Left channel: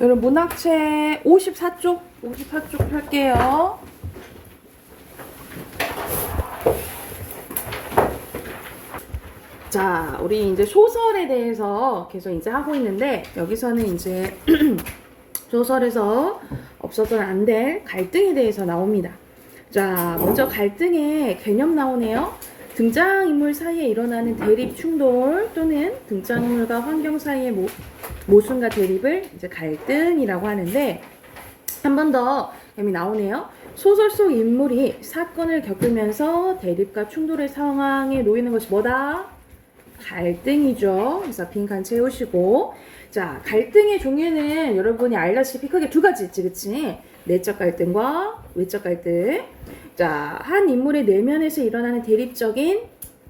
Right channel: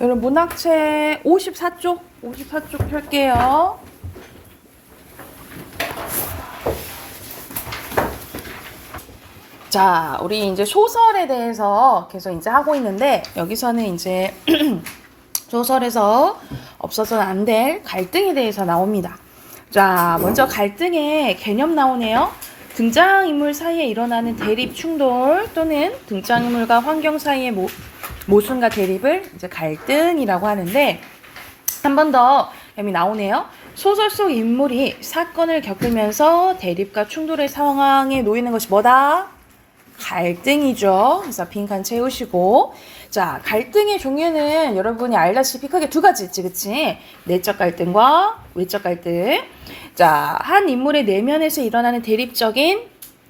여러분 문학책 54쪽 펼게요. 자, 우리 이제 소설에 대해서 계속 이제 하고 있는데 여기서는 이제 소설에서 없어서는 안 될 갈등에 대해서 나옵니다. 자, 먼저 갈등의 개념 나오네요. 등장인물 사이에 일어나는 대립 충돌 또는 등장인물과 환경 사이의 모순과 대립을 이제 갈등이라고 하는데, 한 번 더 여기 나오네요. 소설 속 인물이 사건을 겪으면서 대립과 충돌의 상황에 놓이는 것이 뭐다? 갈등이죠. 그래서 빈 칸 채우시고, 자, 갈등의 종류는 여러분이 알다시피 크게 두 가지 있지, 그치? 내적 갈등과 외적 갈등. 자, 한 인물의 내면에서 일어나는 대립적인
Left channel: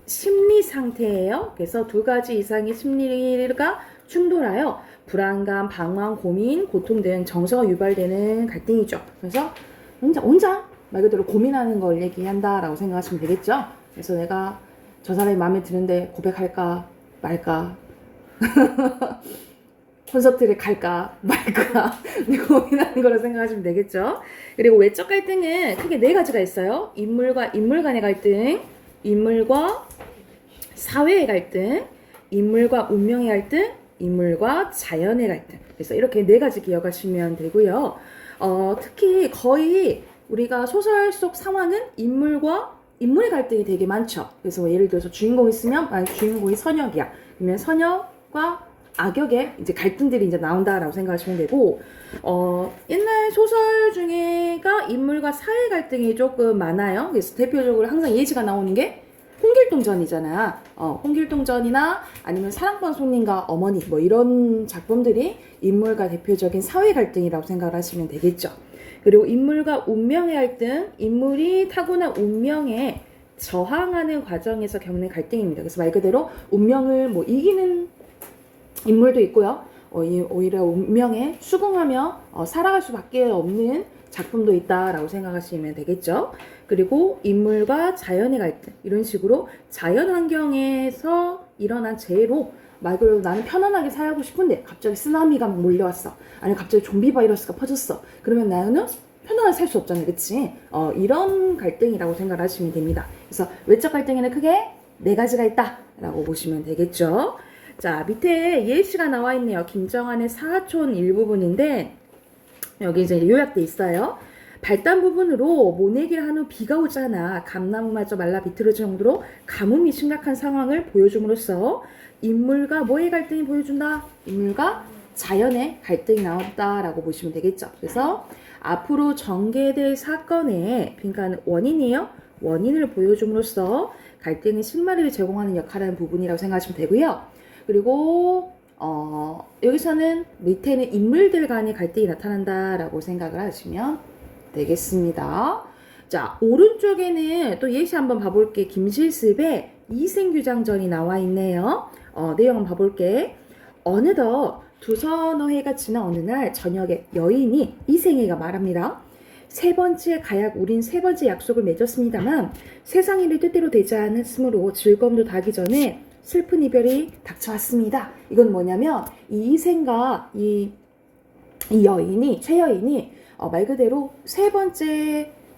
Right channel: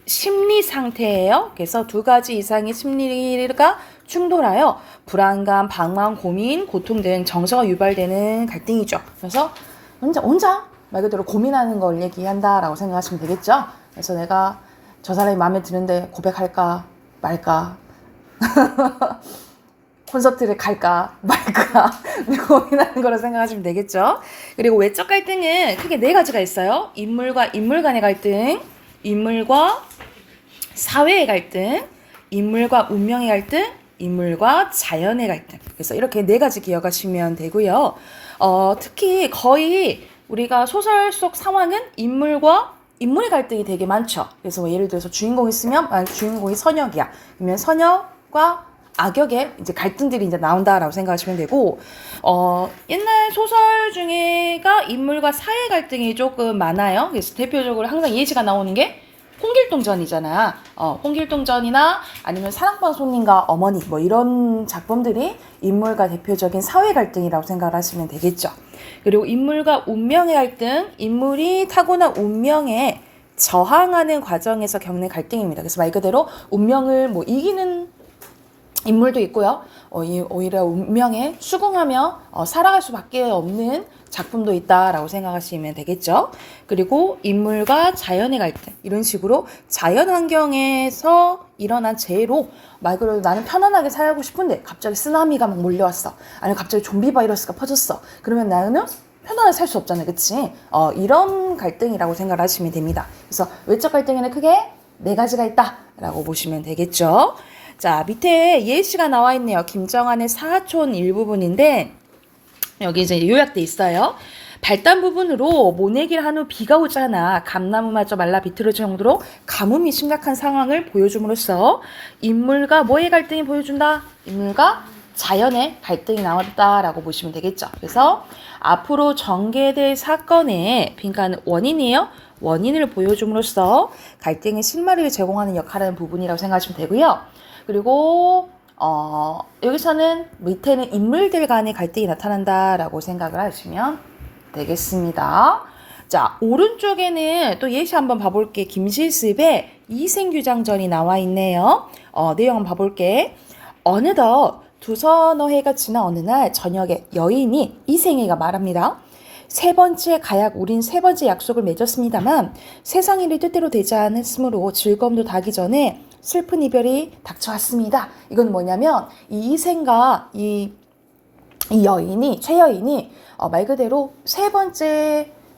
심리 상태예요. 그래서 두 가지 이상의 심리가 충돌하여 불안감, 방황, 고민, 고통 등 정서가 유발되는 갈등이죠. 그래서 혼자 말 그대로 고민하는 걸 얘기한다라고 생각하시면 되겠죠. 그래서 내가 저 사람이 마음에 드는데 고백할까 말까, 콘서트를 갈까 말까 고민하는 거로 생각하시면 되겠죠. 그리고 외적 갈등은 크게 네 가지가 있어요. 인물과 인물 간의 갈등, 인물과 사회의 갈등, 인물과 운명의 갈등, 인물과 자연의 갈등. 그래서 이렇게 네 가지 기억하시면 되고요. 특히 거의 우리가 소설 속 상황은 인물의 갈등이 되게 많죠. 그래서 뭐 예를 들어서 주인공이 있으면 주인공이 선역이야. 그러면 선역과 악역의 이제 갈등들이 이제 나온다라고 생각하시면 되고, 옛날 소설 중에가 인물과 사회 갈등이 조금 많아요. 그래서 대표적으로 항상 예시가 나오는 게 홍길동전이잖아. 홍길동전이나 아니면 사랑방 손님과 어머니 뭐 이런 작품들이 인물과 대표적인 사회 갈등이라고 생각을 하시면 되겠죠. 그리고 인물과 운명의 갈등, 인물이 타고난 운명에 저항하는 과정에서 겪는 갈등입니다. 그래서 말 그대로 운명을 뭐 이기는 인물도 있고요. 오히려 운명에 수긍하며 살아갈 수밖에 없는 작품도 있다라고 생각하시면 되겠죠. 그리고 인물과 자연의 갈등, 이런 식으로 자연 환경에서 일어난 재해로 말 그대로 나는 편안하게 살고 싶은데 갑자기 쓰나미가 막 몰려왔어. 아니면 갑자기 좀비 바이러스가 퍼졌어. 그러면 나는 편안하게 살 수 없잖아요. 그치? 이런 갈등이라고 생각을 하시면 됩니다. 그래서 외적 갈등에는 크게 네 가지가 있다라고 보시면 되겠죠. 자, 밑에 예시가 나와 있네요. 김정한의 사하촌 일부분인데 여기 이제 요약돼 있어요. 발단 부분으로 모내기를 한 후 비가 오잖아. 감나무마저 말라 비틀어질 정도로 가뭄이 심각한 상황을 보여줌으로써 인물과 뭐의 갈등이 보여준다? 인물과 자연의 갈등이 나왔다라고 보시면 되겠죠. 그래서 앞으로 전개될 사건의 빈칸은 원인이에요. 원인을 보여줌으로써 갈등의 실마리를 제공하는 역할을 하는 부분이라고 생각하시면 되고요. 그리고 여기서는 밑에는 인물들 간의 갈등이 나타난다라고 생각을 하시면 되겠습니다. 자, 오른쪽에는 또 예시 한번 봐볼게. 김실습의 이생규장전이 나와 있네요. 내용 한번 봐볼게. 어느덧 두서너 해가 지난 어느 날 저녁에 여인이 이생애가 말합니다. 세 번째 가약 우린 세 번째 약속을 맺었습니다만 세상 일이 뜻대로 되지 않았으므로 즐거움도 닿기 전에 슬픈 이별이 닥쳐왔습니다. 이건 뭐냐면 이 이생과 이 최여인이 말 그대로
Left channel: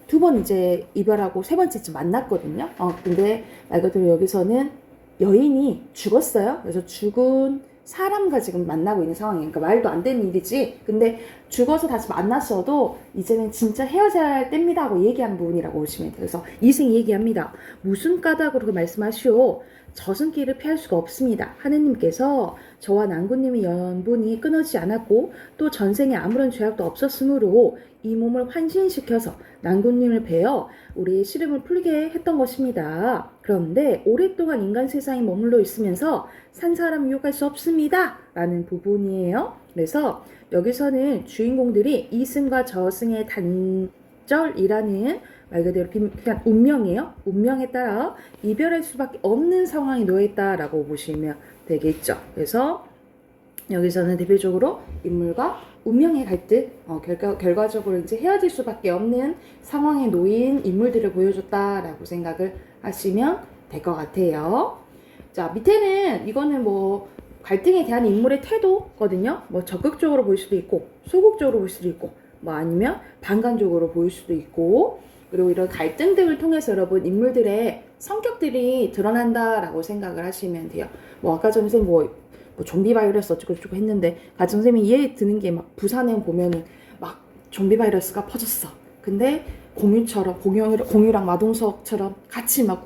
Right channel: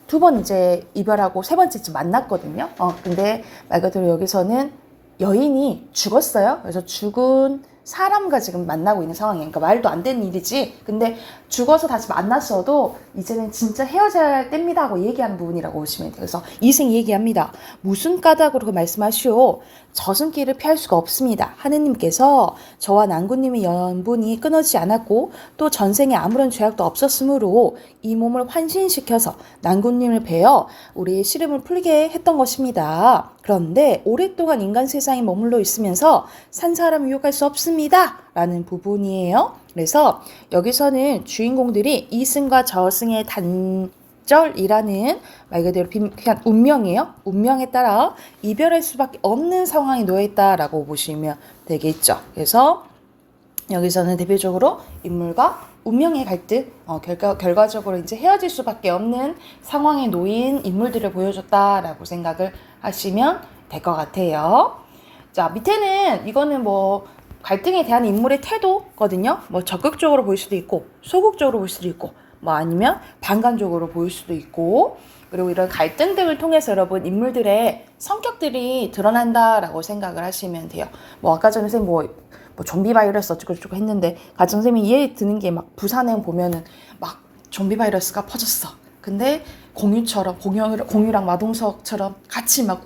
두 번 이제 이별하고 세 번째쯤 만났거든요. 근데 말 그대로 여기서는 여인이 죽었어요. 그래서 죽은 사람과 지금 만나고 있는 상황이에요. 그러니까 말도 안 되는 일이지. 근데 죽어서 다시 만났어도 이제는 진짜 헤어져야 할 때입니다 하고 얘기하는 부분이라고 보시면 돼요. 그래서 이생이 얘기합니다. 무슨 까닭으로 말씀하시오. 저승길을 피할 수가 없습니다. 하느님께서 저와 난구님의 연분이 끊어지지 않았고 또 전생에 아무런 죄악도 없었으므로 이 몸을 환신시켜서 난구님을 베어 우리의 시름을 풀게 했던 것입니다. 그런데 오랫동안 인간 세상에 머물러 있으면서 산 사람 유혹할 수 없습니다. 라는 부분이에요. 그래서 여기서는 주인공들이 이승과 저승의 단절이라는 말 그대로 그냥 운명이에요. 운명에 따라 이별할 수밖에 없는 상황이 놓여있다라고 보시면 되겠죠. 그래서 여기서는 대표적으로 인물과 운명의 갈등, 결과적으로 이제 헤어질 수밖에 없는 상황에 놓인 인물들을 보여줬다라고 생각을 하시면 될 것 같아요. 자, 밑에는 이거는 뭐 갈등에 대한 인물의 태도거든요. 뭐 적극적으로 보일 수도 있고 소극적으로 보일 수도 있고 뭐 아니면 반감적으로 보일 수도 있고 그리고 이런 갈등 등을 통해서 여러분 인물들의 성격들이 드러난다라고 생각을 하시면 돼요. 뭐 아까 전에 선생님 뭐 좀비 바이러스 어쩌고저쩌고 했는데 가정 선생님이 이해 드는 게 막 부산행 보면은 막 좀비 바이러스가 퍼졌어. 근데 공유처럼 공유랑 마동석처럼 같이 막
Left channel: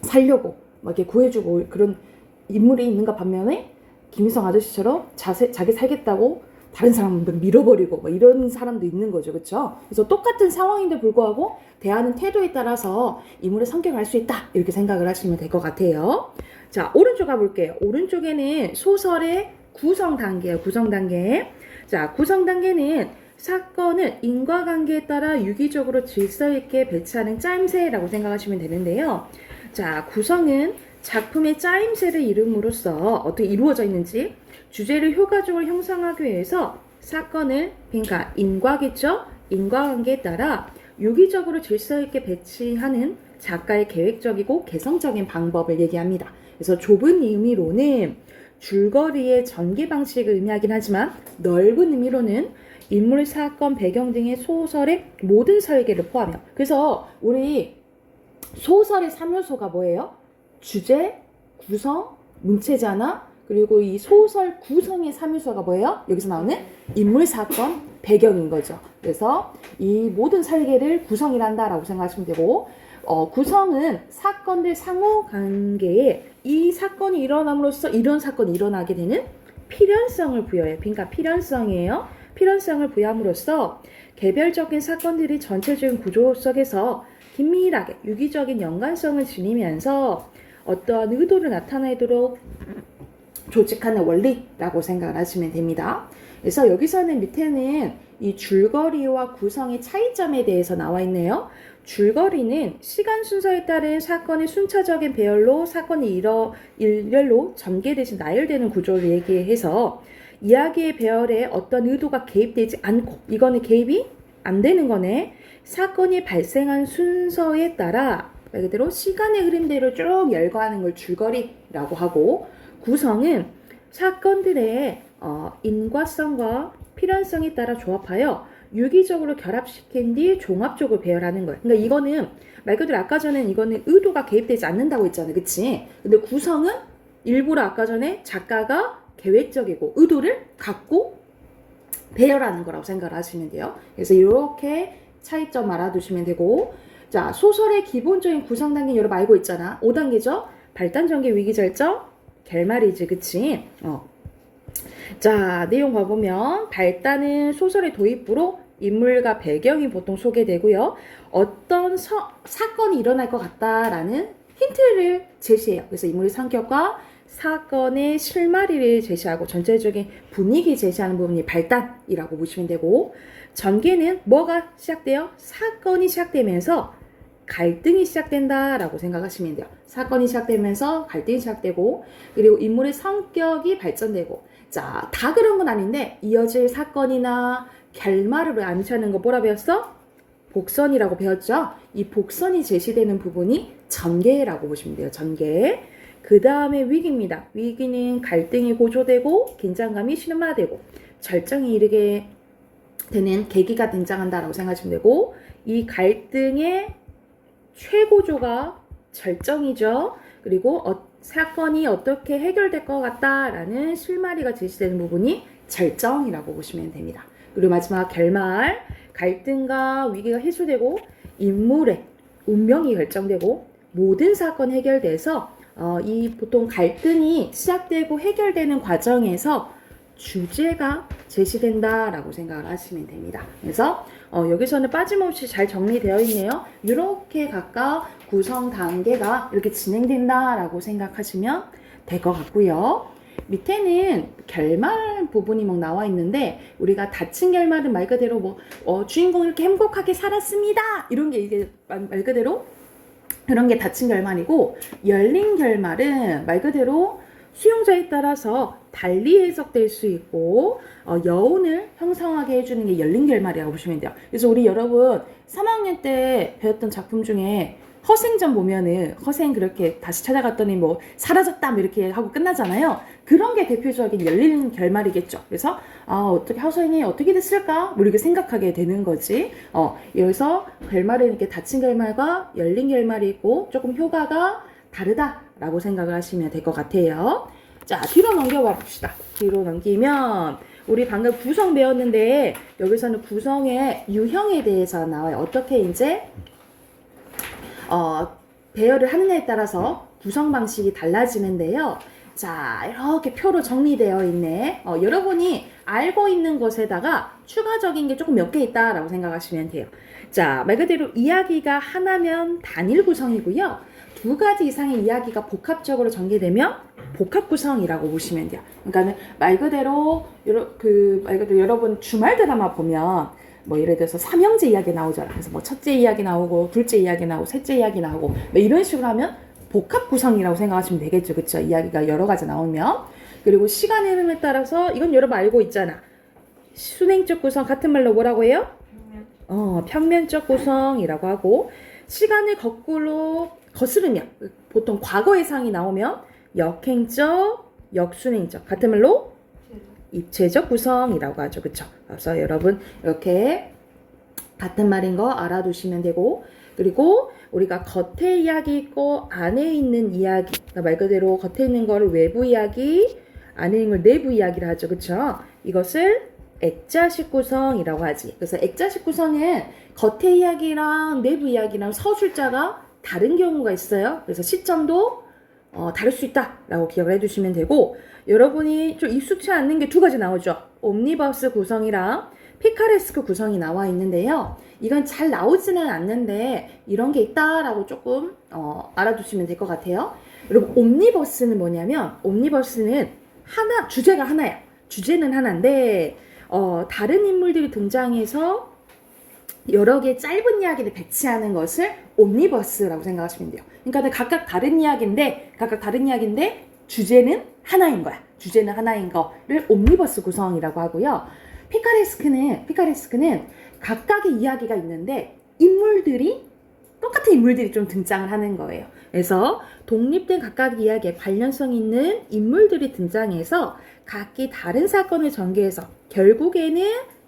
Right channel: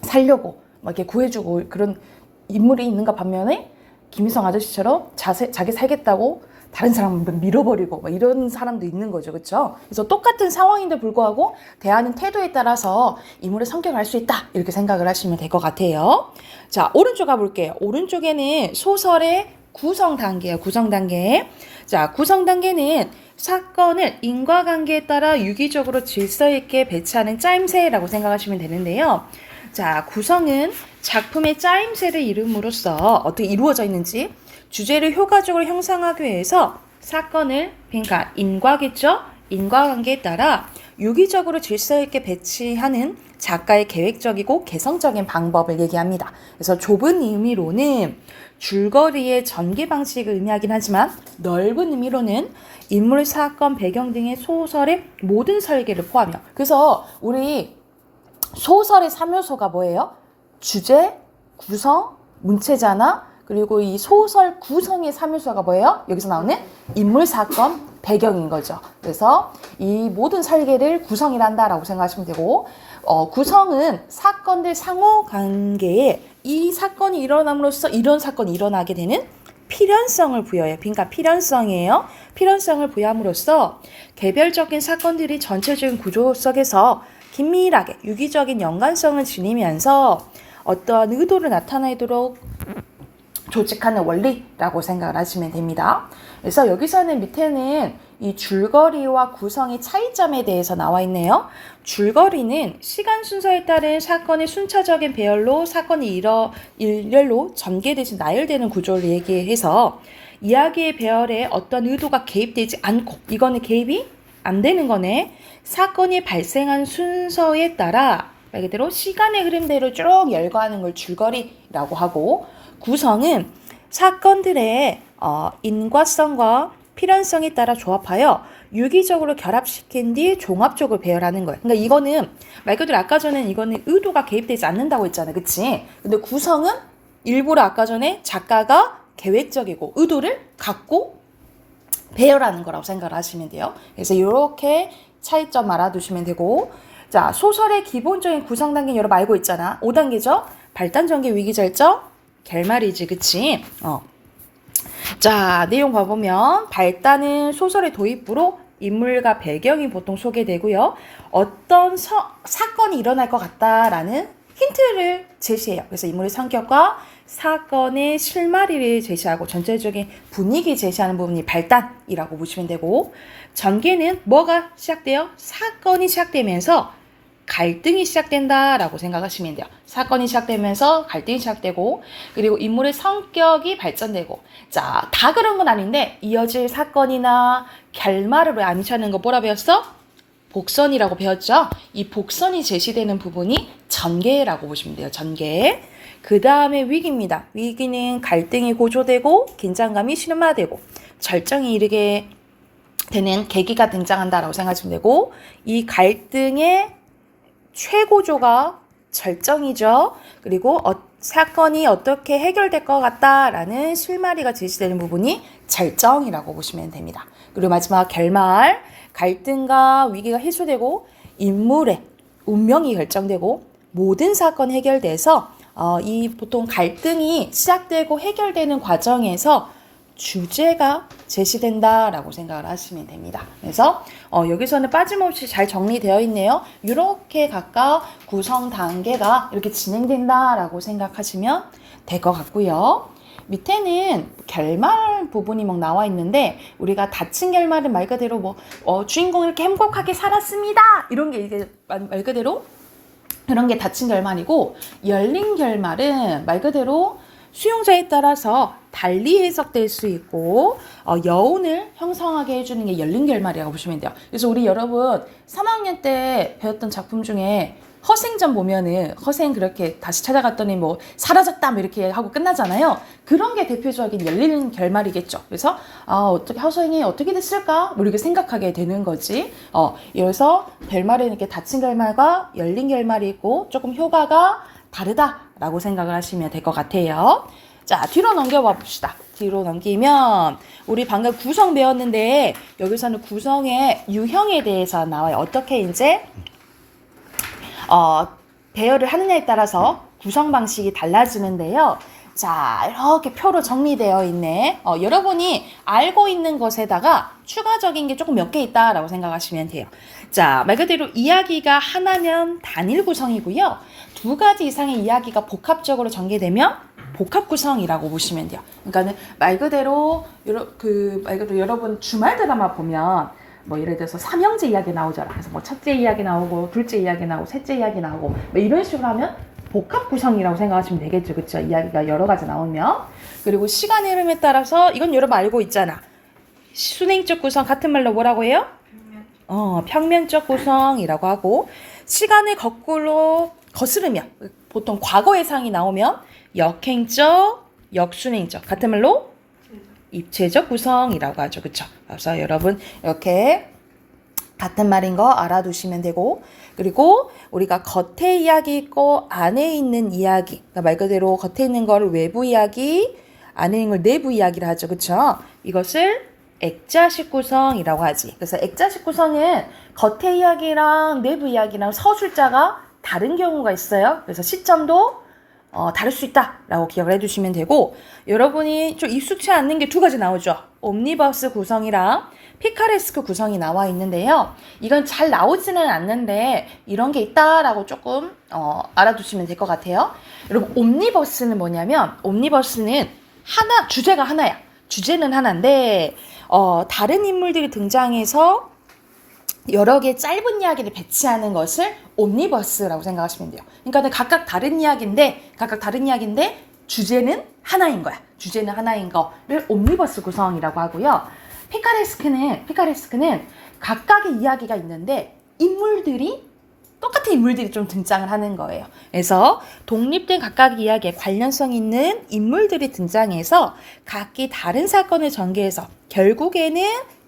살려고 막 이렇게 구해주고 그런 인물이 있는가 반면에 김희성 아저씨처럼 자기 살겠다고 다른 사람을 밀어버리고 막 이런 사람도 있는 거죠. 그렇죠? 그래서 똑같은 상황인데 불구하고 대하는 태도에 따라서 인물의 성격을 알 수 있다. 이렇게 생각을 하시면 될 것 같아요. 자, 오른쪽 가볼게요. 오른쪽에는 소설의 구성 단계예요. 구성 단계. 자, 구성 단계는 사건을 인과관계에 따라 유기적으로 질서 있게 배치하는 짜임새라고 생각하시면 되는데요. 자, 구성은 작품의 짜임새를 이름으로써 어떻게 이루어져 있는지 주제를 효과적으로 형성하기 위해서 사건을 그러니까 인과겠죠? 인과관계에 따라 유기적으로 질서 있게 배치하는 작가의 계획적이고 개성적인 방법을 얘기합니다. 그래서 좁은 의미로는 줄거리의 전개 방식을 의미하긴 하지만 넓은 의미로는 인물, 사건, 배경 등의 소설의 모든 설계를 포함해요. 그래서 우리 소설의 3요소가 뭐예요? 주제, 구성, 문체자나 그리고 이 소설 구성의 3요소가 뭐예요? 여기서 나오는 인물, 사건, 배경인 거죠. 그래서 이 모든 설계를 구성이란다라고 생각하시면 되고 구성은 사건들 상호관계에 이 사건이 일어남으로써 이런 사건이 일어나게 되는 필연성을 부여해요. 그러니까 필연성이에요. 필연성을 부여함으로써 개별적인 사건들이 전체적인 구조 속에서 긴밀하게 유기적인 연관성을 지니면서 어떠한 의도를 나타내도록 조직하는 원리라고 생각을 하시면 됩니다. 그래서 여기서는 밑에는 이 줄거리와 구성의 차이점에 대해서 나와 있네요. 줄거리는 시간 순서에 따른 사건의 순차적인 배열로 사건이 일렬로 전개되지 나열되는 구조를 얘기해서 이야기의 배열에 어떤 의도가 개입되지 않고 이거는 개입이 안 되는 거네. 사건이 발생한 순서에 따라 말 그대로 시간의 흐름대로 쭉 열거하는 걸 줄거리라고 하고 구성은 사건들의 인과성과 필연성에 따라 조합하여 유기적으로 결합시킨 뒤 종합적으로 배열하는 거예요. 그러니까 이거는 말 그대로 아까 전에 이거는 의도가 개입되지 않는다고 했잖아요. 그치? 근데 구성은 일부러 아까 전에 작가가 계획적이고 의도를 갖고 배열하는 거라고 생각을 하시면 돼요. 그래서 이렇게 차이점 알아두시면 되고 자 소설의 기본적인 구성 단계는 여러분 알고 있잖아. 5단계죠? 발단, 전개, 위기, 절정, 결말이지. 그치? 자 내용 봐보면 발단은 소설의 도입부로 인물과 배경이 보통 소개되고요. 어떤 사건이 일어날 것 같다라는 힌트를 제시해요. 그래서 인물의 성격과 사건의 실마리를 제시하고 전체적인 분위기 제시하는 부분이 발단이라고 보시면 되고 전개는 뭐가 시작돼요? 사건이 시작되면서 갈등이 시작된다라고 생각하시면 돼요. 사건이 시작되면서 갈등이 시작되고 그리고 인물의 성격이 발전되고 자, 다 그런 건 아닌데 이어질 사건이나 결말을 암시하는 거 뭐라 배웠어? 복선이라고 배웠죠? 이 복선이 제시되는 부분이 전개라고 보시면 돼요. 전개. 그 다음에 위기입니다. 위기는 갈등이 고조되고 긴장감이 심화되고 절정이 이르게 되는 계기가 등장한다라고 생각하시면 되고 이 갈등의 최고조가 절정이죠. 그리고 사건이 어떻게 해결될 것 같다라는 실마리가 제시되는 부분이 절정이라고 보시면 됩니다. 그리고 마지막 결말, 갈등과 위기가 해소되고 인물의 운명이 결정되고 모든 사건이 해결돼서 이 보통 갈등이 시작되고 해결되는 과정에서 주제가 제시된다라고 생각을 하시면 됩니다. 그래서 여기서는 빠짐없이 잘 정리되어 있네요. 이렇게 각각 구성 단계가 이렇게 진행된다라고 생각하시면 될 것 같고요. 밑에는 결말 부분이 막 나와 있는데 우리가 닫힌 결말은 말 그대로 주인공이 이렇게 행복하게 살았습니다. 이런 게 이게 말 그대로 그런 게 닫힌 결말이고 열린 결말은 말 그대로 수용자에 따라서 달리 해석될 수 있고 여운을 형성하게 해주는 게 열린 결말이라고 보시면 돼요. 그래서 우리 여러분 3학년 때 배웠던 작품 중에 허생전 보면은 허생 그렇게 다시 찾아갔더니 뭐 사라졌다 뭐 이렇게 하고 끝나잖아요. 그런 게 대표적인 열린 결말이겠죠. 그래서 어떻게 허생이 어떻게 됐을까? 뭐 이렇게 생각하게 되는 거지. 여기서 결말은 이렇게 닫힌 결말과 열린 결말이 있고 조금 효과가 다르다라고 생각을 하시면 될 것 같아요. 자, 뒤로 넘겨봐 봅시다. 뒤로 넘기면 우리 방금 구성 배웠는데 여기서는 구성의 유형에 대해서 나와요. 어떻게 이제 배열을 하느냐에 따라서 구성 방식이 달라지는데요. 자, 이렇게 표로 정리되어 있네. 여러분이 알고 있는 것에다가 추가적인 게 조금 몇 개 있다라고 생각하시면 돼요. 자, 말 그대로 이야기가 하나면 단일 구성이고요. 두 가지 이상의 이야기가 복합적으로 전개되면 복합 구성이라고 보시면 돼요. 그러니까는 말 그대로 여러분 주말 드라마 보면 뭐 예를 들어서 삼형제 이야기 나오잖아. 그래서 뭐 첫째 이야기 나오고 둘째 이야기 나오고 셋째 이야기 나오고 뭐 이런 식으로 하면 복합 구성이라고 생각하시면 되겠죠. 그렇죠? 이야기가 여러 가지 나오면. 그리고 시간의 흐름에 따라서 이건 여러분 알고 있잖아. 순행적 구성 같은 말로 뭐라고 해요? 평면적 구성이라고 하고 시간을 거꾸로 거스르면 보통 과거 예상이 나오면 역행적, 역순행적 같은 말로 입체적 구성이라고 하죠. 그쵸? 그래서 여러분 이렇게 같은 말인 거 알아두시면 되고 그리고 우리가 겉에 이야기 있고 안에 있는 이야기 그러니까 말 그대로 겉에 있는 거를 외부 이야기 안에 있는 걸 내부 이야기를 하죠. 그쵸? 이것을 액자식 구성이라고 하지. 그래서 액자식 구성은 겉의 이야기랑 내부 이야기랑 서술자가 다른 경우가 있어요. 그래서 시점도 다를 수 있다라고 기억을 해주시면 되고 여러분이 좀 익숙치 않는 게 두 가지 나오죠. 옴니버스 구성이랑 피카레스크 구성이 나와 있는데요. 이건 잘 나오지는 않는데 이런 게 있다라고 조금 알아두시면 될 것 같아요. 여러분 옴니버스는 뭐냐면 옴니버스는 주제가 하나야. 주제는 하나인데 다른 인물들이 등장해서 여러 개의 짧은 이야기를 배치하는 것을 옴니버스라고 생각하시면 돼요. 그러니까 각각 다른 이야기인데 주제는 하나인 거야. 주제는 하나인 거를 옴니버스 구성이라고 하고요. 피카레스크는 각각의 이야기가 있는데 똑같은 인물들이 좀 등장을 하는 거예요. 그래서 독립된 각각의 이야기에 관련성 있는 인물들이 등장해서 각기 다른 사건을 전개해서 결국에는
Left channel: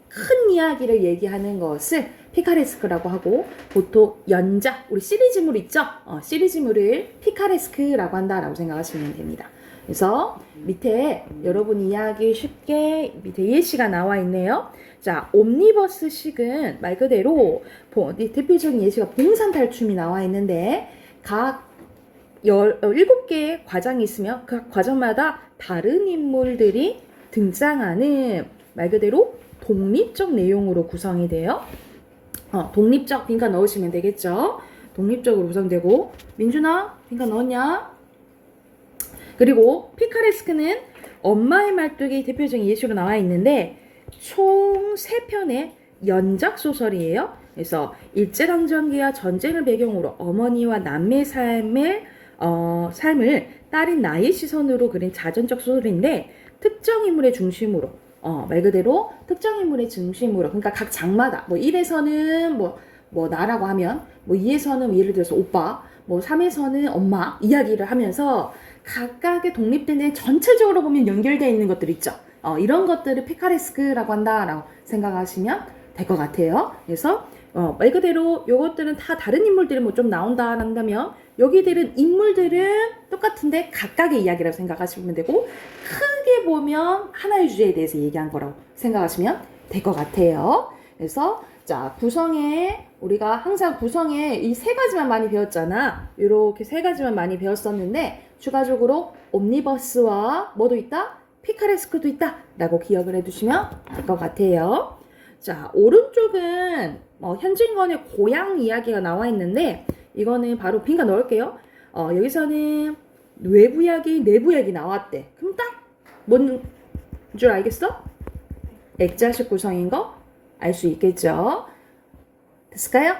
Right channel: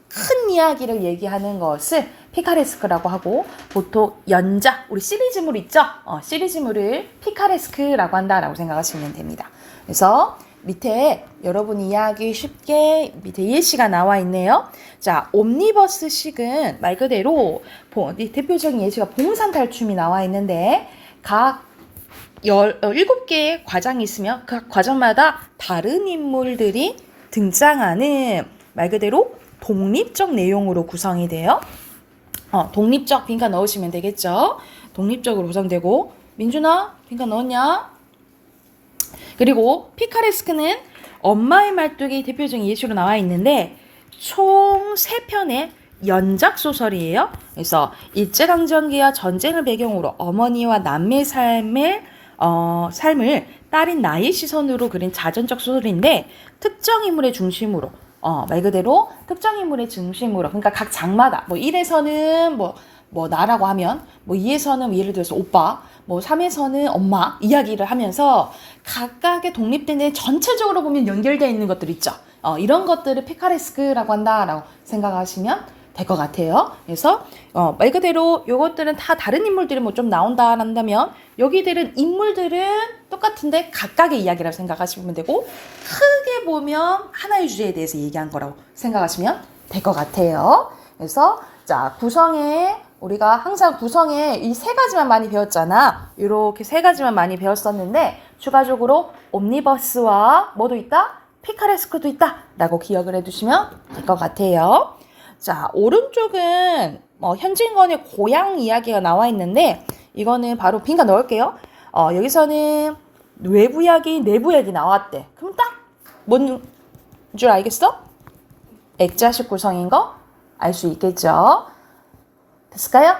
큰 이야기를 얘기하는 것을 피카레스크라고 하고 보통 연작, 우리 시리즈물 있죠? 시리즈물을 피카레스크라고 한다라고 생각하시면 됩니다. 그래서 밑에 여러분 이야기 쉽게 밑에 예시가 나와 있네요. 자, 옴니버스식은 말 그대로 대표적인 예시가 봉산 탈춤이 나와 있는데 각 17개의 과정이 있으며 그 과정마다 다른 인물들이 등장하는 말 그대로 독립적 내용으로 구성이 돼요. 독립적 빈칸 넣으시면 되겠죠. 독립적으로 구성되고 민준아 빈칸 넣었냐? 그리고 피카레스크는 엄마의 말뚝이 대표적인 예시로 나와 있는데 총 3편의 연작 소설이에요. 그래서 일제강점기와 전쟁을 배경으로 어머니와 남매의 삶을 딸인 나의 시선으로 그린 자전적 소설인데 특정 인물의 중심으로 말 그대로 특정 인물의 중심으로 그러니까 각 장마다 뭐 1에서는 뭐 나라고 하면 뭐 2에서는 예를 들어서 오빠 뭐 3에서는 엄마 이야기를 하면서 각각의 독립된 데 전체적으로 보면 연결되어 있는 것들 있죠. 이런 것들을 피카레스크라고 한다라고 생각하시면 될 것 같아요. 그래서 말 그대로 요것들은 다 다른 인물들이 뭐 좀 나온다 한다면 여기들은 인물들은 똑같은데 각각의 이야기라고 생각하시면 되고 크게 보면 하나의 주제에 대해서 얘기한 거라고 생각하시면 될 것 같아요. 그래서 자 우리가 항상 구성에 이 3가지만 많이 배웠잖아. 이렇게 3가지만 많이 배웠었는데 추가적으로 옴니버스와 뭐도 있다? 피카레스크도 있다 라고 기억을 해두시면 될 것 같아요. 자, 오른쪽은 현진건의 고향 이야기가 나와 있는데 이거는 바로 빈칸 넣을게요. 여기서는 외부 이야기, 내부 이야기 나왔대. 그럼 딱 뭔 줄 알겠어? 액자식 구성인 거 알 수 있겠죠? 됐을까요?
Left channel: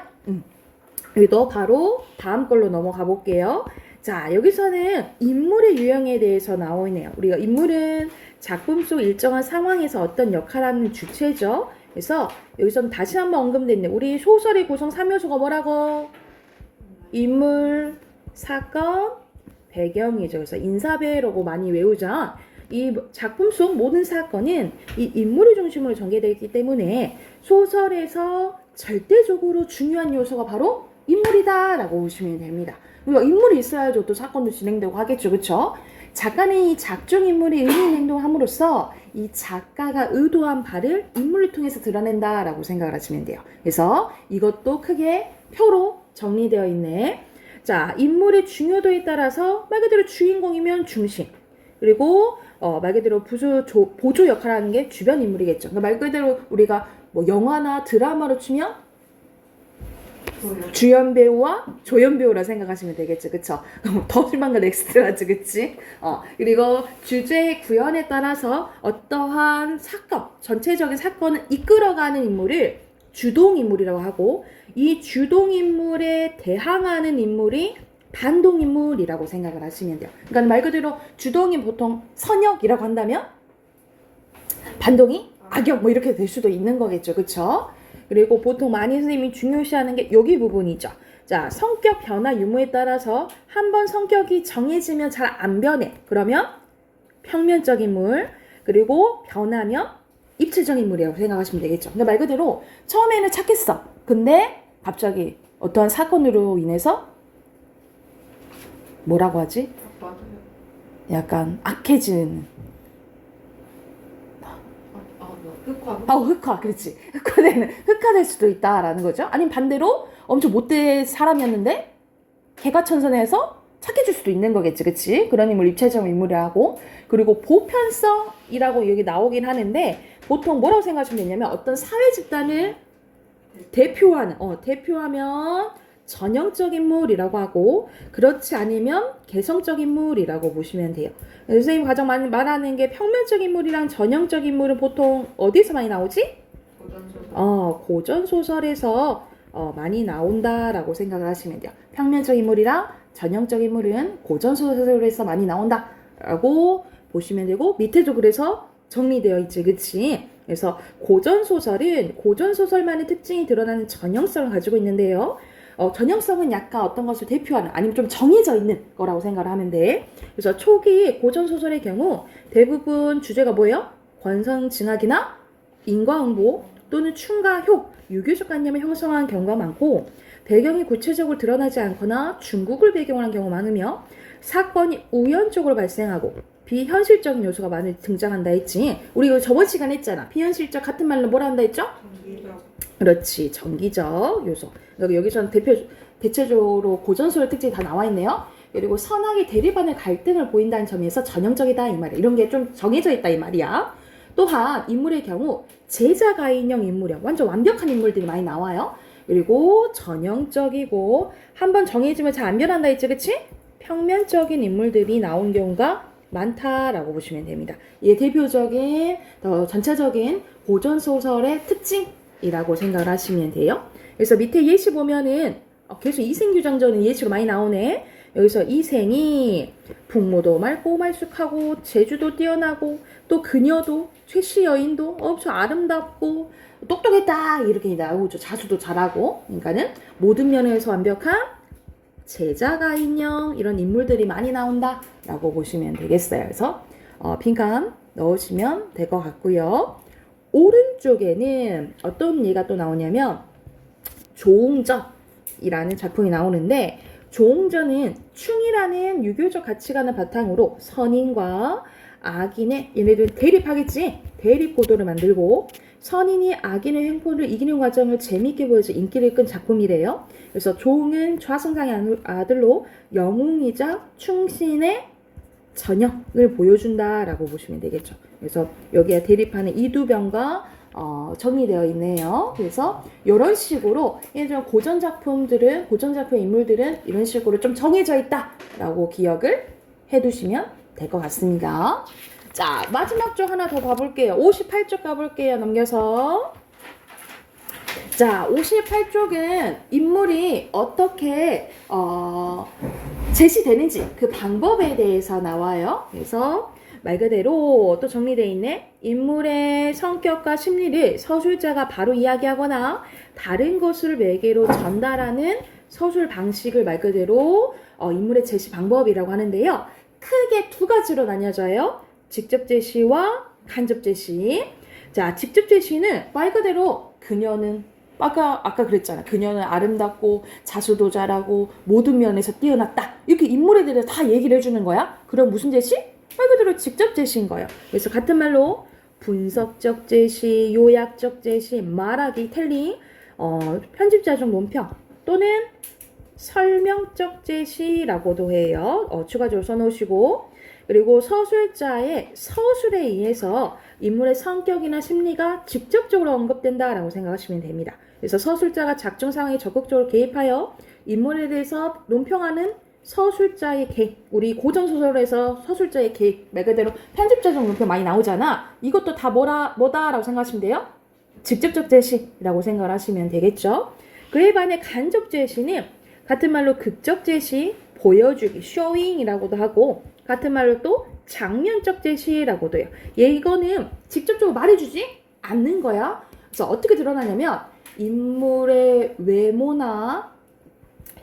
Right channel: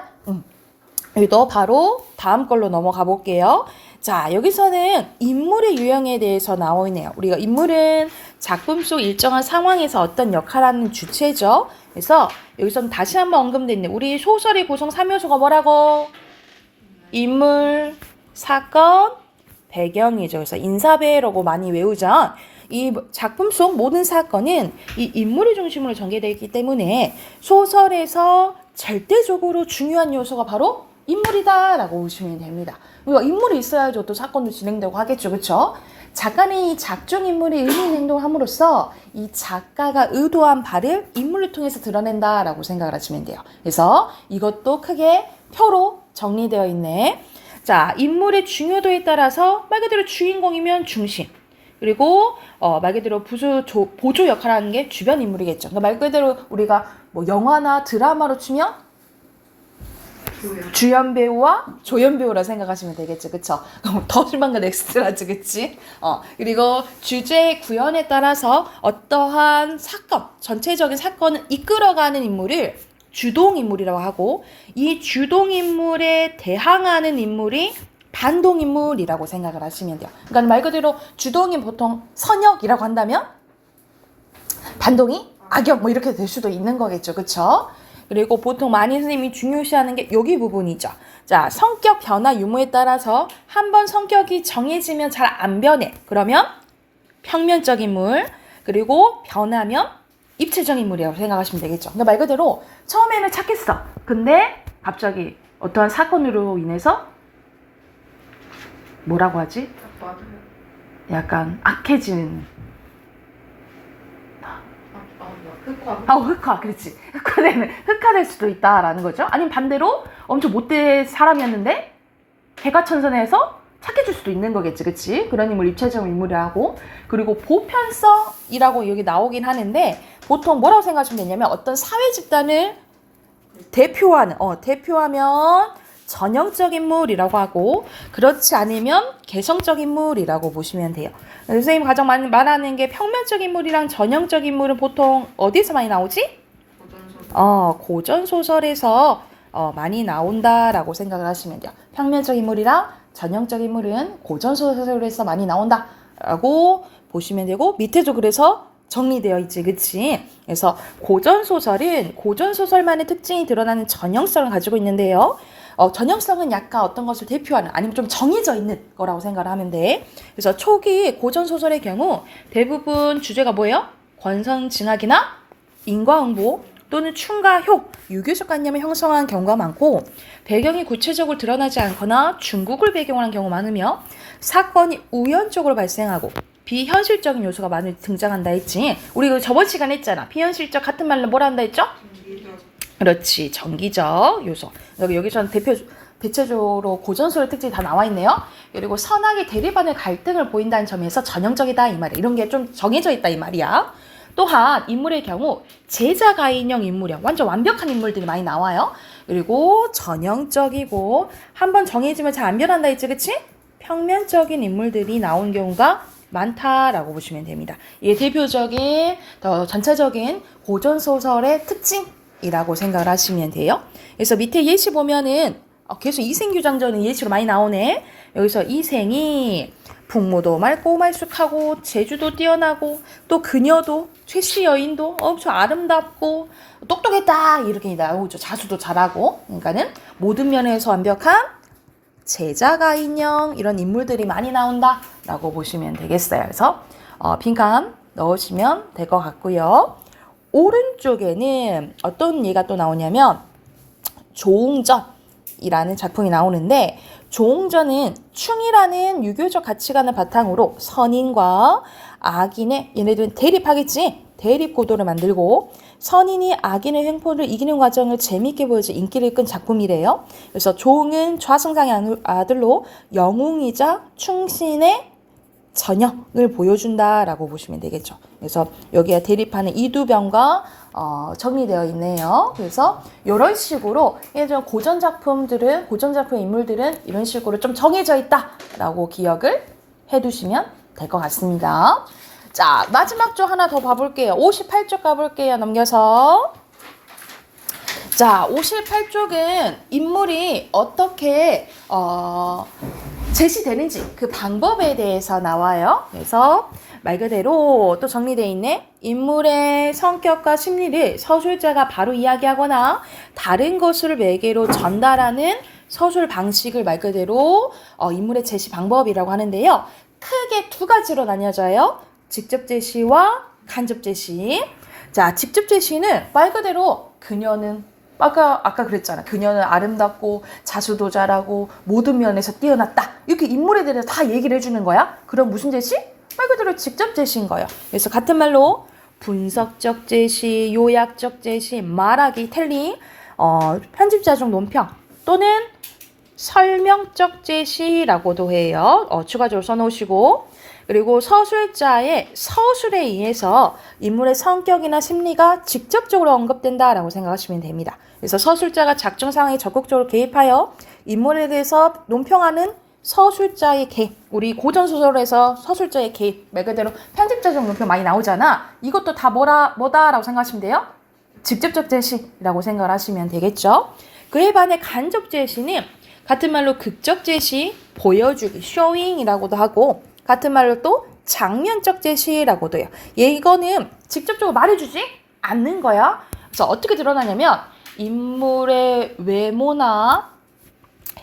여기도 바로 다음 걸로 넘어가 볼게요. 자, 여기서는 인물의 유형에 대해서 나와 있네요. 우리가 인물은 작품 속 일정한 상황에서 어떤 역할을 하는 주체죠. 그래서 여기서는 다시 한번 언급됐네. 우리 소설의 구성 3요소가 뭐라고? 인물, 사건, 배경이죠. 그래서 인사배라고 많이 외우죠. 이 작품 속 모든 사건은 이 인물을 중심으로 전개되어 있기 때문에 소설에서 절대적으로 중요한 요소가 바로 인물이다라고 보시면 됩니다. 그러니까 인물이 있어야지 또 사건도 진행되고 하겠죠. 그렇죠? 작가는 이 작중 인물이 의미 있는 행동을 함으로써 이 작가가 의도한 바를 인물을 통해서 드러낸다라고 생각을 하시면 돼요. 그래서 이것도 크게 표로 정리되어 있네. 자, 인물의 중요도에 따라서 말 그대로 주인공이면 중심, 그리고 말 그대로 보조 역할을 하는 게 주변 인물이겠죠. 그러니까 말 그대로 우리가 뭐 영화나 드라마로 치면 주연 배우와 조연 배우라 생각하시면 되겠죠. 그쵸? 더 실망과 넥스트라지, 그치? 그리고 주제 구현에 따라서 어떠한 사건, 전체적인 사건을 이끌어가는 인물을 주동인물이라고 하고, 이 주동인물에 대항하는 인물이 반동인물이라고 생각을 하시면 돼요. 그러니까 말 그대로 주동인 보통 선역이라고 한다면 반동이 악역 뭐 이렇게 될 수도 있는 거겠죠. 그쵸? 그리고 보통 많이 선생님이 중요시하는 게 여기 부분이죠. 자, 성격 변화 유무에 따라서 한번 성격이 정해지면 잘 안 변해. 그러면 평면적 인물, 그리고 변하면 입체적 인물이라고 생각하시면 되겠죠. 그러니까 말 그대로 처음에는 착했어. 근데 갑자기 어떠한 사건으로 인해서 뭐라고 하지? 약간 악해진 흑화, 그렇지. 흑화될 수도 있다라는 거죠. 아니면 반대로 엄청 못된 사람이었는데 개과천선해서 착해질 수도 있는 거겠지, 그렇지? 그런 인물 입체적 인물이라고. 그리고 보편성이라고 여기 나오긴 하는데 보통 뭐라고 생각하시면 되냐면 어떤 사회 집단을 대표하면 전형적 인물이라고 하고, 그렇지 않으면 개성적 인물이라고 보시면 돼요. 선생님 가장 많이 말하는 게 평면적 인물이랑 전형적 인물은 보통 어디서 많이 나오지? 고전소설에서 많이 나온다라고 생각을 하시면 돼요. 평면적 인물이랑 전형적 인물은 고전소설에서 많이 나온다라고 보시면 되고, 밑에도 그래서 정리되어 있지, 그치? 그래서 고전소설만의 특징이 드러나는 전형성을 가지고 있는데요. 전형성은 약간 어떤 것을 대표하는, 아니면 좀 정해져 있는 거라고 생각을 하면 돼. 그래서 초기 고전소설의 경우 대부분 주제가 뭐예요? 권선징악이나 인과응보 또는 충가효, 유교적 관념을 형성한 경우가 많고, 배경이 구체적으로 드러나지 않거나 중국을 배경으로 한 경우가 많으며, 사건이 우연적으로 발생하고 비현실적인 요소가 많이 등장한다 했지. 우리 저번 시간에 했잖아. 비현실적 같은 말로 뭐라 한다 했죠? 그렇지, 정기적 요소. 여기서는 대체적으로 고전소설 특징이 다 나와 있네요. 그리고 선악의 대립하는 갈등을 보인다는 점에서 전형적이다 이 말이야. 이런 게 좀 정해져 있다 이 말이야. 또한 인물의 경우 제자가인형 인물이야. 완전 완벽한 인물들이 많이 나와요. 그리고 전형적이고 한번 정해지면 잘 안 변한다 했지, 그치? 평면적인 인물들이 나온 경우가 많다라고 보시면 됩니다. 이게 대표적인 전체적인 고전소설의 특징이라고 생각을 하시면 돼요. 그래서 밑에 예시 보면은 계속 이생규장전은 예시가 많이 나오네. 여기서 이생이 풍무도 맑고 말쑥하고 재주도 뛰어나고 또 그녀도 최씨 여인도 엄청 아름답고 똑똑했다 이렇게 나오죠. 자수도 잘하고. 그러니까는 모든 면에서 완벽한 제자가인형 이런 인물들이 많이 나온다라고 보시면 되겠어요. 그래서 빈칸 넣으시면 될 것 같고요. 오른쪽에는 어떤 예가 또 나오냐면 조웅전이라는 작품이 나오는데, 조웅전은 충이라는 유교적 가치관을 바탕으로 선인과 악인의, 얘네들은 대립하겠지? 대립구도를 만들고 선인이 악인의 횡포를 이기는 과정을 재미있게 보여줘 인기를 끈 작품이래요. 그래서 조웅은 좌승상의 아들로 영웅이자 충신의 전형을 보여준다라고 보시면 되겠죠. 그래서 여기에 대립하는 이두병과 정리되어 있네요. 그래서 이런 식으로 예전 고전 작품의 인물들은 이런 식으로 좀 정해져 있다라고 기억을 해두시면 될 것 같습니다. 자, 마지막 쪽 하나 더 봐볼게요. 58쪽 가볼게요. 넘겨서. 자, 58쪽은 인물이 어떻게 제시되는지 그 방법에 대해서 나와요. 그래서 말 그대로 또 정리되어 있네. 인물의 성격과 심리를 서술자가 바로 이야기하거나 다른 것을 매개로 전달하는 서술 방식을 말 그대로 인물의 제시 방법이라고 하는데요. 크게 두 가지로 나뉘어져요. 직접 제시와 간접 제시. 자, 직접 제시는 말 그대로 그녀는 아까 그랬잖아. 그녀는 아름답고 자수도 잘하고 모든 면에서 뛰어났다. 이렇게 인물에 대해서 다 얘기를 해주는 거야. 그럼 무슨 제시? 말 그대로 직접 제시인 거예요. 그래서 같은 말로 분석적 제시, 요약적 제시, 말하기, 텔링, 편집자적 논평 또는 설명적 제시라고도 해요. 추가적으로 써놓으시고 그리고 서술자의 서술에 의해서 인물의 성격이나 심리가 직접적으로 언급된다라고 생각하시면 됩니다. 그래서 서술자가 작중 상황에 적극적으로 개입하여 인물에 대해서 논평하는 서술자의 개입. 우리 고전소설에서 서술자의 개입. 말 그대로 편집자적 논평 많이 나오잖아. 이것도 다 뭐다라고 생각하시면 돼요? 직접적 제시라고 생각을 하시면 되겠죠. 그에 반해 간접 제시는 같은 말로 극적 제시, 보여주기, 쇼잉이라고도 하고 같은 말로 또 장면적 제시라고도 해요. 이거는 직접적으로 말해주지 않는 거야. 그래서 어떻게 드러나냐면 인물의 외모나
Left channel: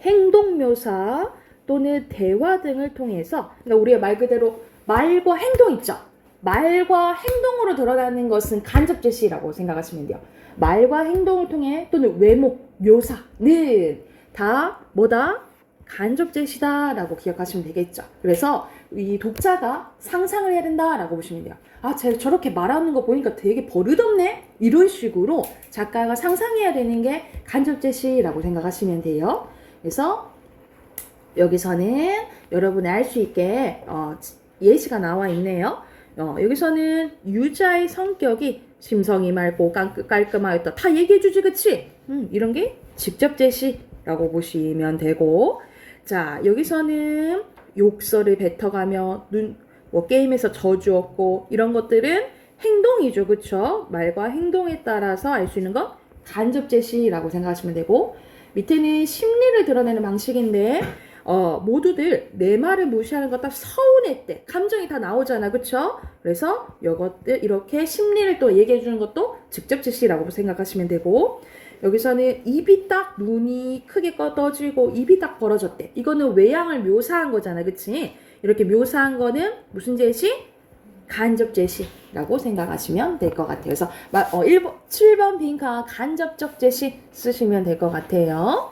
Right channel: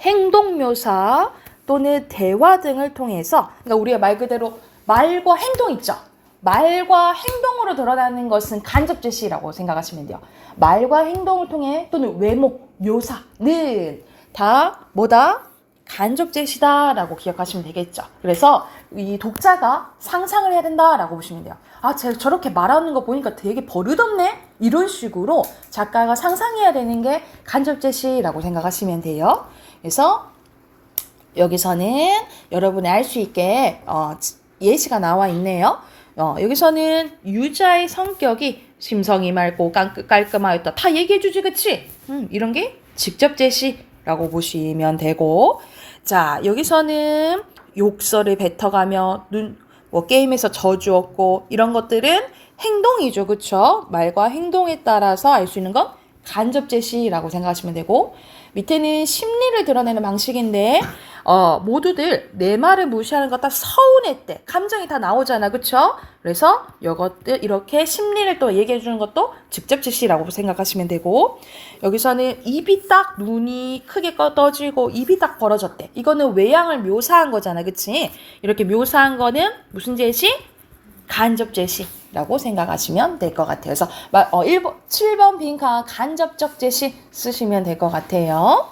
행동 묘사 또는 대화 등을 통해서 그러니까 우리가 말 그대로 말과 행동 있죠. 말과 행동으로 드러나는 것은 간접 제시라고 생각하시면 돼요. 말과 행동을 통해 또는 외모, 묘사는 다 뭐다? 간접 제시다라고 기억하시면 되겠죠. 그래서 이 독자가 상상을 해야 된다라고 보시면 돼요. 아, 제가 저렇게 말하는 거 보니까 되게 버릇없네? 이런 식으로 작가가 상상해야 되는 게 간접 제시라고 생각하시면 돼요. 그래서 여기서는 여러분이 알 수 있게 예시가 나와 있네요. 여기서는 유자의 성격이 심성이 맑고 깔끔하였다. 다 얘기해주지, 그치? 이런 게 직접 제시라고 보시면 되고 자, 여기서는 욕설을 뱉어가며 게임에서 저주었고 이런 것들은 행동이죠. 그쵸? 말과 행동에 따라서 알 수 있는 건 간접 제시라고 생각하시면 되고 밑에는 심리를 드러내는 방식인데 모두들 내 말을 무시하는 것 다 서운했대. 감정이 다 나오잖아. 그쵸? 그래서 이것들 이렇게 심리를 또 얘기해 주는 것도 직접 제시라고 생각하시면 되고 여기서는 입이 딱 눈이 크게 떠지고 입이 딱 벌어졌대. 이거는 외양을 묘사한 거잖아. 그치? 이렇게 묘사한 거는 무슨 제시? 간접 제시라고 생각하시면 될 것 같아요. 그래서 7번 빈칸 간접적 제시 쓰시면 될 것 같아요.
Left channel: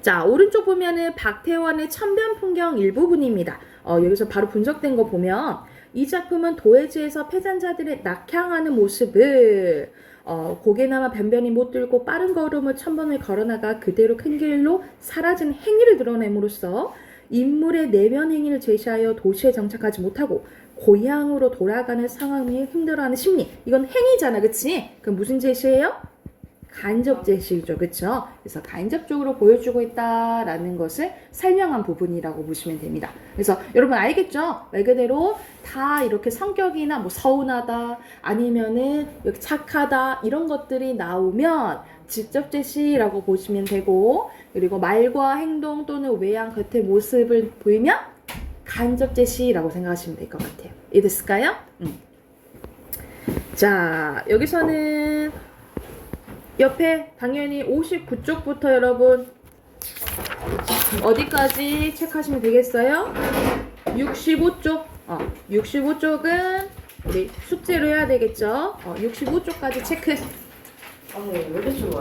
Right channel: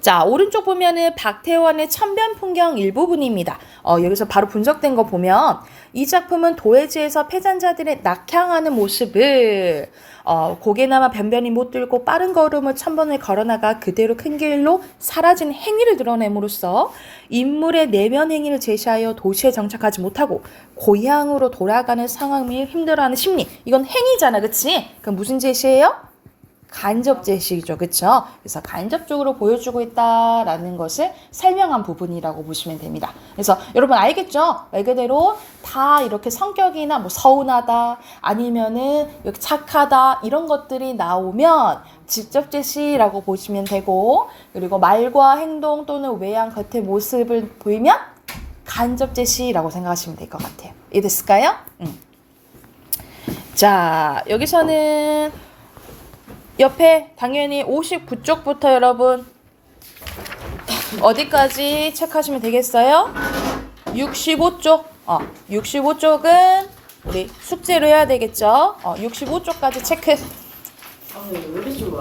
자, 오른쪽 보면은 박태원의 천변 풍경 일부분입니다. 여기서 바로 분석된 거 보면 이 작품은 도해지에서 패잔자들의 낙향하는 모습을 고개나마 변변히 못 들고 빠른 걸음을 천번을 걸어나가 그대로 큰 길로 사라진 행위를 드러냄으로써 인물의 내면 행위를 제시하여 도시에 정착하지 못하고 고향으로 돌아가는 상황이 힘들어하는 심리. 이건 행위잖아, 그치? 그럼 무슨 제시예요? 간접 제시죠, 그쵸? 그래서 간접적으로 보여주고 있다라는 것을 설명한 부분이라고 보시면 됩니다. 그래서 여러분 알겠죠? 말 그대로 다 이렇게 성격이나 뭐 서운하다 아니면은 이렇게 착하다 이런 것들이 나오면 직접 제시라고 보시면 되고 그리고 말과 행동 또는 외양 겉의 모습을 보이면 간접 제시라고 생각하시면 될 것 같아요. 이해됐을까요? 자, 여기서는 옆에 당연히 59쪽부터 여러분 어디까지 체크하시면 되겠어요? 65쪽. 65쪽은 우리 숙제로 해야 되겠죠? 65쪽까지 체크. 왜 이렇게 좋아요?